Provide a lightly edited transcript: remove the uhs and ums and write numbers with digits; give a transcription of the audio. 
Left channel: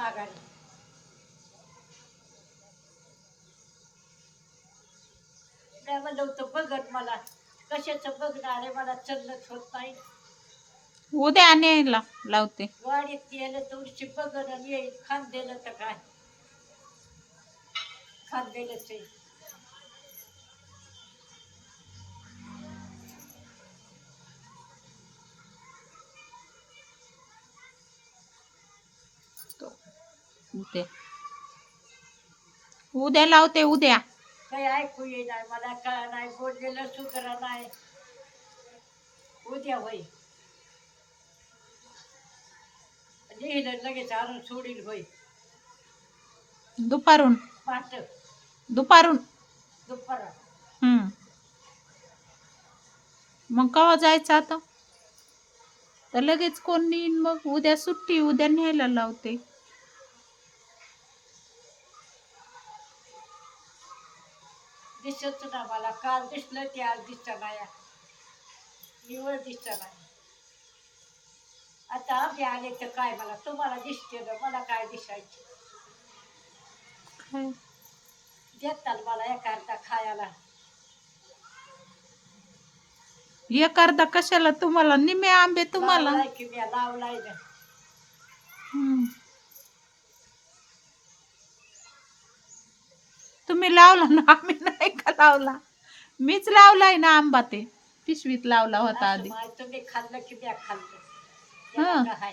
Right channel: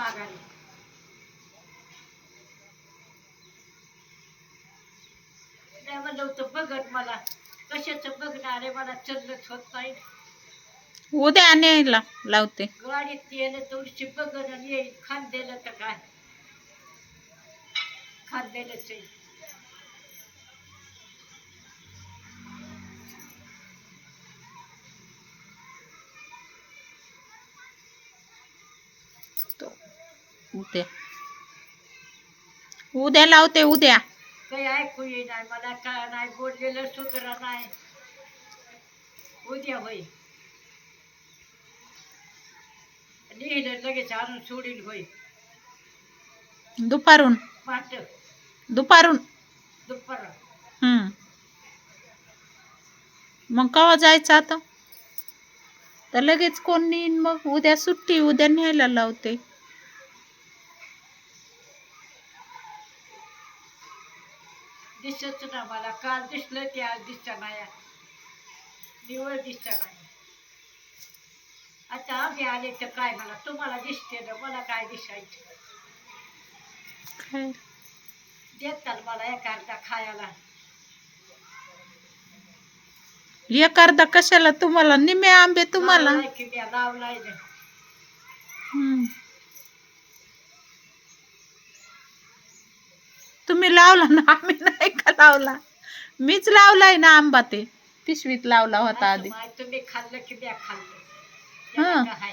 माघारी. नाही म्हणलं होतं बघत मला कशाचं बघणार आहे, मला चलच होत नाही. उद्या आणायला लावते. गाडीत येलं थोडीशी बघन आणि येईल. खांदेलं तर काय खांदेलंच आहे. उद्या उद्या लावते. उद्या काही ऐकू येईना मला, काय नाही बोललेलं सुधरा नाही. उद्या होई लिहिलं लगेच आणून सोडील होई. दुपारून पाठ दुपारून दुपार मग केव्हा जायचं आता? तर लगेच कोण नेईन मग? उद्या सुट्टी, उद्या न्यायला लावते. दिसत ना मला. काल दिसलं ते आज दिसत नाही. निवळ दिसत नाही. आता आम्ही आले तर काय मला तुम्हाला दिसते ना, मला काय दिसायचं. देताल मला एक अर्धा खायला. एक अर्धा कशाला तुम्हाला? निम्मे आंबे तुम्हाला. लावलाय की मी लावलाय ना. तुम्ही लावला ना, आम्ही नाही का लावला? मीच लावलाय ना आंबा. ते पिशवीत लावला होता आधी. तुम्ही खाल्लं की मी खाल्लं. हं. त्याला काय